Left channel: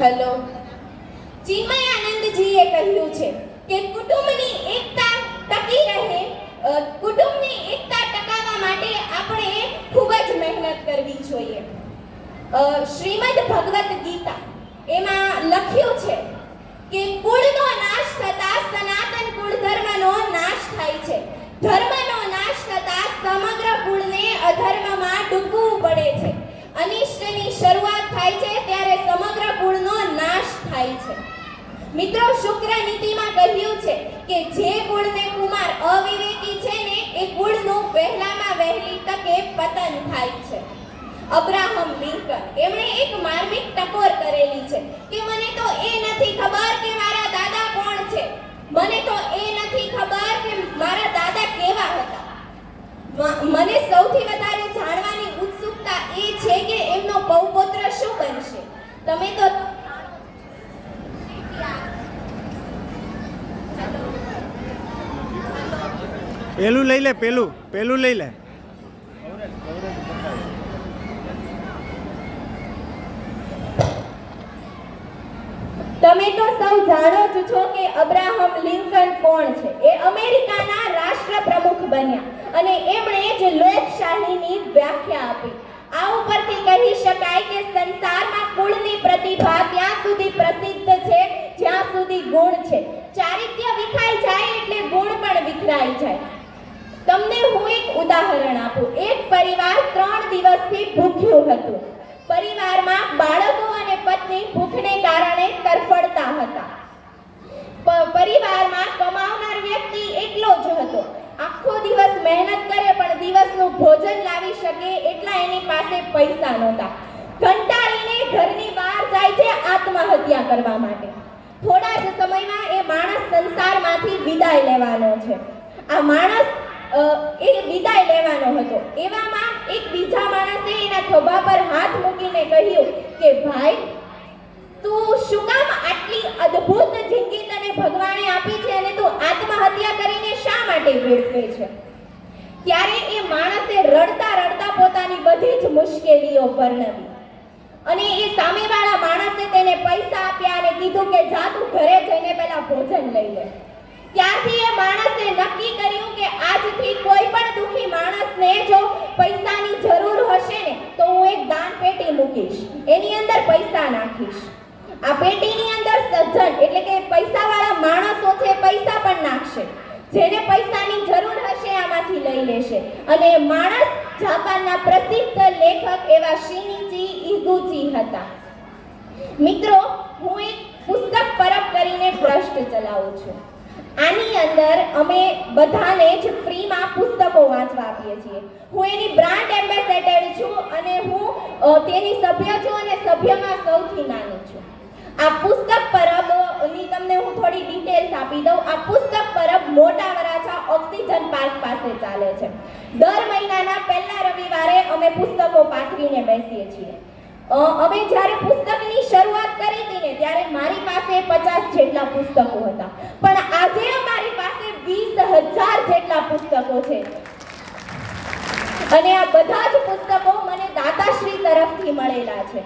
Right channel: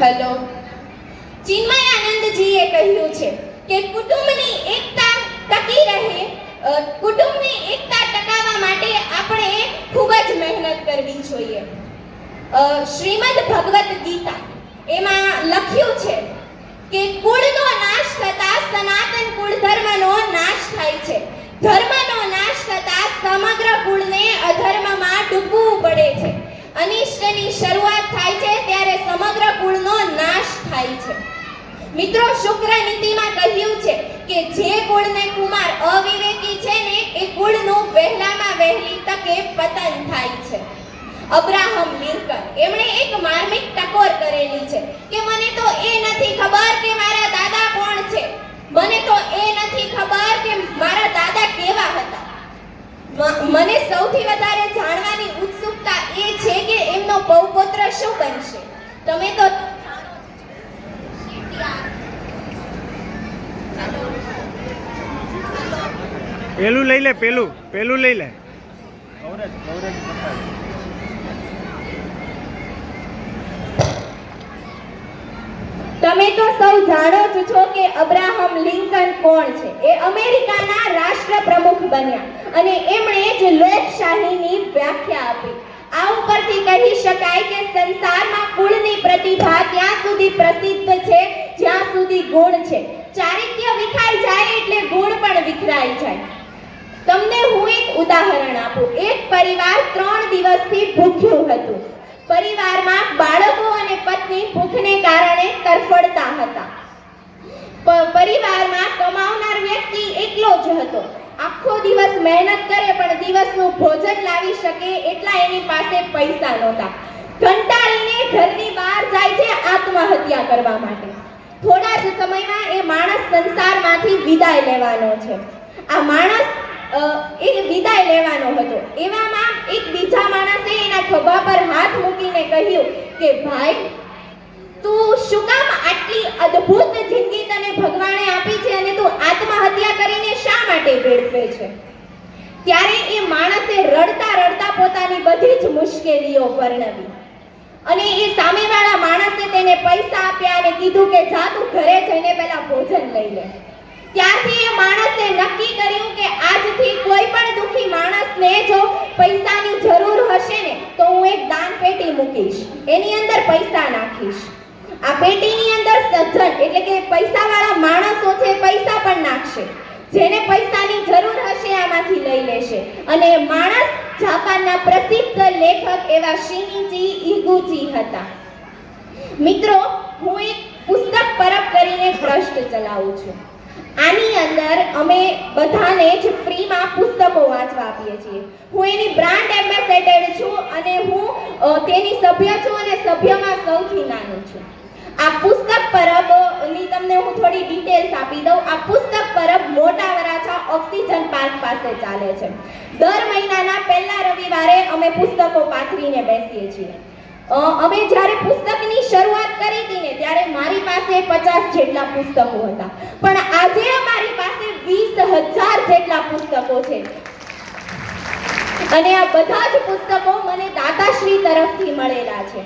Hello. ચિન્મયાનંદજીએ કહ્યું છે કે કુટુંબની એકતા ટકી રહે, કુટુંબની એકતા ટકાવવા માટે આપણે ખૂબ જ મહેનત કરવી જોઈએ. શ્રીમદ ભગવદ ગીતા એમાં લખ્યું છે કે કુળનો નાશ થતા સનાતન કુળ ધર્મનો નાશ થાય છે. ધર્મનો નાશ થતા સમગ્ર કુળને અધર્મમાં ડૂબવું પડે છે. અનિષ્ટની શરૂઆત થાય છે ત્યારે સમગ્ર કુળનો નાશ થાય છે. મિત્રો, શુક્ર નીતિમાં કહ્યું છે કે જે કુળને કુમાર અવિવેકી છે ને એ કુળનું વહેલામાં વહેલી તકે પતન થાય છે. અબ્રાહમ લિંકન એમણે એક માર્મિક ટકોર કરેલી છે કે મને તો એ નથી ખબર કે મારા દાદા કોણ છે, મને તો એ નથી ખબર કે મારા દાદા કેવા હતા. મને સૌથી વધારે જાણવાની ઉત્સુકતા એ છે કે એમનો પૌપુત્ર શું બનશે. તમે તો પેલું લઈ લે, પેલું લઈ લે. તમે તો સૌ જાણો જ છો કે અબ્રાહમ લિંકન કોણ છે. એ અમેરિકાના રાષ્ટ્ર પ્રમુખ બન્યા અને એમણે જ લોકશાહીની વ્યાખ્યા આપી. આ ઉપરથી કહી શકાય કે સંસારમાં કુળની પ્રતિભા ત્યાં સુધી પ્રસિદ્ધ છે જ્યાં સુધી ગુણ છે. ચારિત્ર્ય વિખાઈ જાય એટલે ગુણ પણ વિખરાઈ જાય. તમને હું એક ઉદાહરણ આપું. એક પરિવાર 3 દિવસથી ભૂખ્યું હતું. પરિવારમાં બાળકો અને પત્ની ભૂખને કારણે તરફડતા હતા. પરિવારમાં કમાવનાર વ્યક્તિ એકલો જ હતો. આખો દિવસ મહેનત કરે પણ દિવસનું ભોજન લાવી શકે એટલા એની પાસે પૈસા નહોતા. કંટાળીને ઘરની બહાર જાય છે આત્મહત્યા કરવા માટે. થોડા જ સમયમાં એ માણસ સંસારમાંથી વિદાય લેવાનો છે. આ માણસ એ વિદાય લેવાનો હતો. એવામાં એક બીજા માણસે એના ખભા પર હાથ મૂકીને કહ્યું કે ભાઈ, તું શું કામ આટલી અદ્ભુત જિંદગી તને ભગવાને આપી છે અને તું આત્મહત્યા કરીને શા માટે વેડફે છે. ત્યારે એ માણસે રડતા રડતા પોતાની બધી જ મુશ્કેલીઓ વર્ણવી અને એ સામેવાળા માણસે તેને પૈસા આપ્યા અને કીધું કે જા તું ઘરે જઈને પહેલા ભોજન લઈ લે. ત્યારથી એ માણસે નક્કી કર્યું કે આજથી કોઈ પણ દુખી માણસને જો પૈસાની જરૂર હશે ને તો હું એક દાન પેટી મૂકીશ, એની અંદર પૈસા નાખીશ. આ પેટીની અંદર સજ્જન એટલે કે પૈસાવાળા માણસો છે, પૈસા પણ નાખશે. જેને પૈસાની જરૂર હશે આમાંથી લઈ લેશે. અને એ માણસ જાપાનના પ્રસિદ્ધ લેખક એવા શિનિચી ઇગુચી હતા. મિત્રો, હું એક પુસ્તક પરબ કરીને ટ્રસ્ટ ચલાવું છું. આની અંદર અમે બધાને જ ફ્રીમાં પુસ્તકો વાંચવા આપીએ છીએ. હું એની બ્રાન્ડ એમ્બેસેડર છું અને હું તેની સભ્ય છું અને સભ્યમાં સૌથી નાની છું. આ પુસ્તક પરબની તમને હું થોડી ડિટેલ્સ આપી દઉં. આ પુસ્તક પરબ મોટા વરાછા ઓક્સિજન પાર્ક પાસે ચાલે છે. દર મહિનાના પહેલા રવિવારે અમે પુસ્તકો પાથરીને બેસીએ છીએ. અમે જ્યારે પુસ્તકની શરૂઆત કરી હતી ને ત્યારે મારી પાસે 50 જેટલા પુસ્તકો હતા, પણ આજે અમારી પાસે 20,000 જેટલા પુસ્તકો છે. અને આ બધા જ પુસ્તકો મને દાતાશ્રી તરફથી મળેલા છે.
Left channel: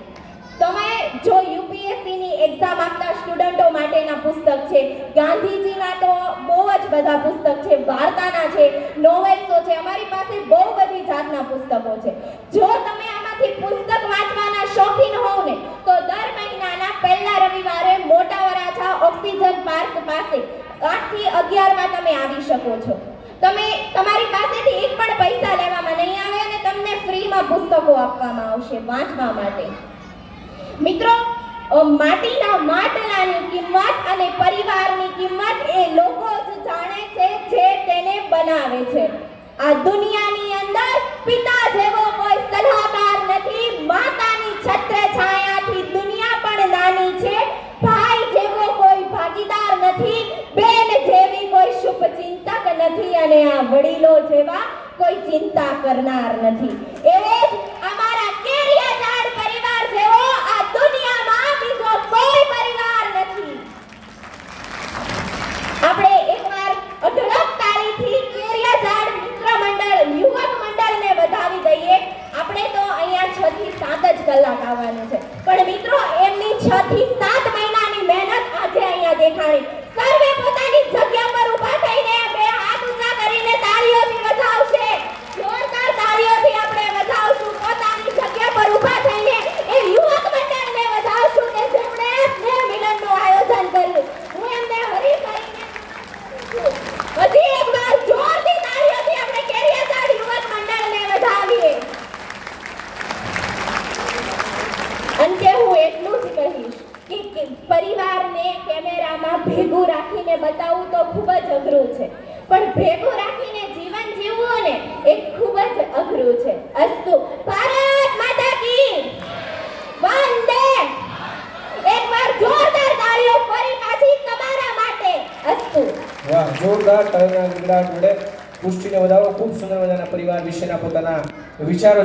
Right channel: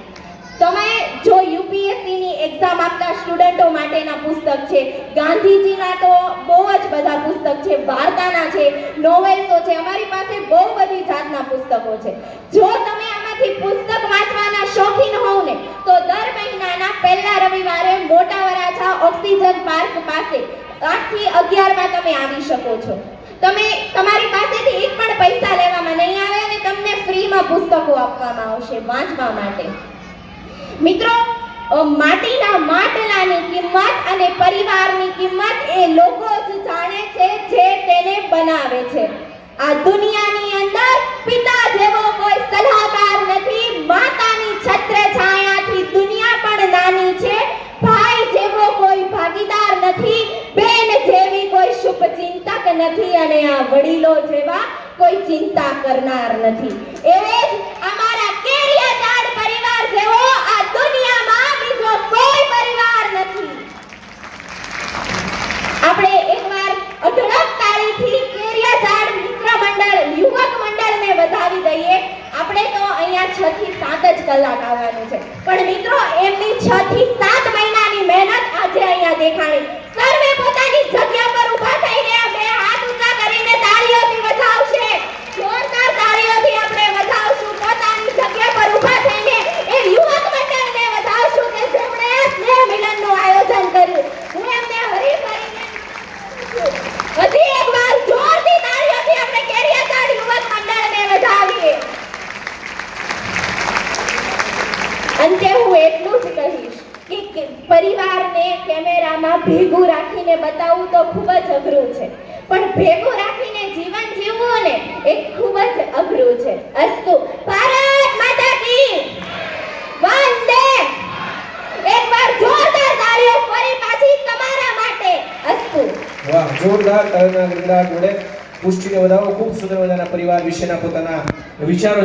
તમે જો યુપીએસસી ની એક્ઝામ આપતા સ્ટુડન્ટો માટેના પુસ્તક છે, ગાંધીજીના તો બહુ જ બધા પુસ્તક છે, વાર્તાના છે, નોવેલ્સો છે. અમારી પાસે બહુ બધી જાતના પુસ્તકો છે. જો તમે આમાંથી પુસ્તક વાંચવાના શોખીન હોવ ને તો દર મહિનાના પહેલા રવિવારે મોટા વરાછા ઓક્સિજન પાર્ક પાસે 8 થી 11 માં તમે આવી શકો છો. તમે તમારી પાસેથી એક પણ પૈસા લેવામાં નહીં આવે અને તમને ફ્રીમાં પુસ્તકો આપવામાં આવશે વાંચવા માટે. મિત્રો, માટીના માટલાની કિંમત અને પરિવારની કિંમત એ લોકો જ જાણે છે જે તેને બનાવે છે. આ દુનિયાની અંદર પિતા જેવો કોઈ સલાહકાર નથી. માતાની છત્રછાયાથી દુનિયા પણ નાની છે. ભાઈ જેવો કોઈ ભાગીદાર નથી. બેન જેવી કોઈ શુભચિંતક નથી અને આ વડીલો જેવા કોઈ ચિંતા કરનાર નથી. એવો જ અમારા કેરિયાચાડ પરિવાર જેવો આ દુનિયામાં બીજો કોઈ પરિવાર નથી. આપણે એકવાર અઢળક હજી એકવાર જોરથી તાળીઓથી આપણે કેરિયાગઢ યુવક મંડળને વધાવીએ. અંતે હું એટલું જ કહીશ કે પરિવારને કેમેરામાં ભેગું રાખીને બતાવવું તો ખૂબ જ અઘરું છે, પણ ભેગું રાખીને જીવન જીવવું ને એ ખૂબ જ અઘરું છે. અસ્તુ ભારત માતા કી વંદે. એકવાર જોરદાર તાળીઓ ફરી પાછી તમારા માટે. અસ્તુ. વાહ, જોરદાર તાળીઓના ગડગડાટ જોડે પુષ્ટિને વધાવો. ખૂબ સુંદર મજાના પરિવાર વિશેના પોતાના વિચારો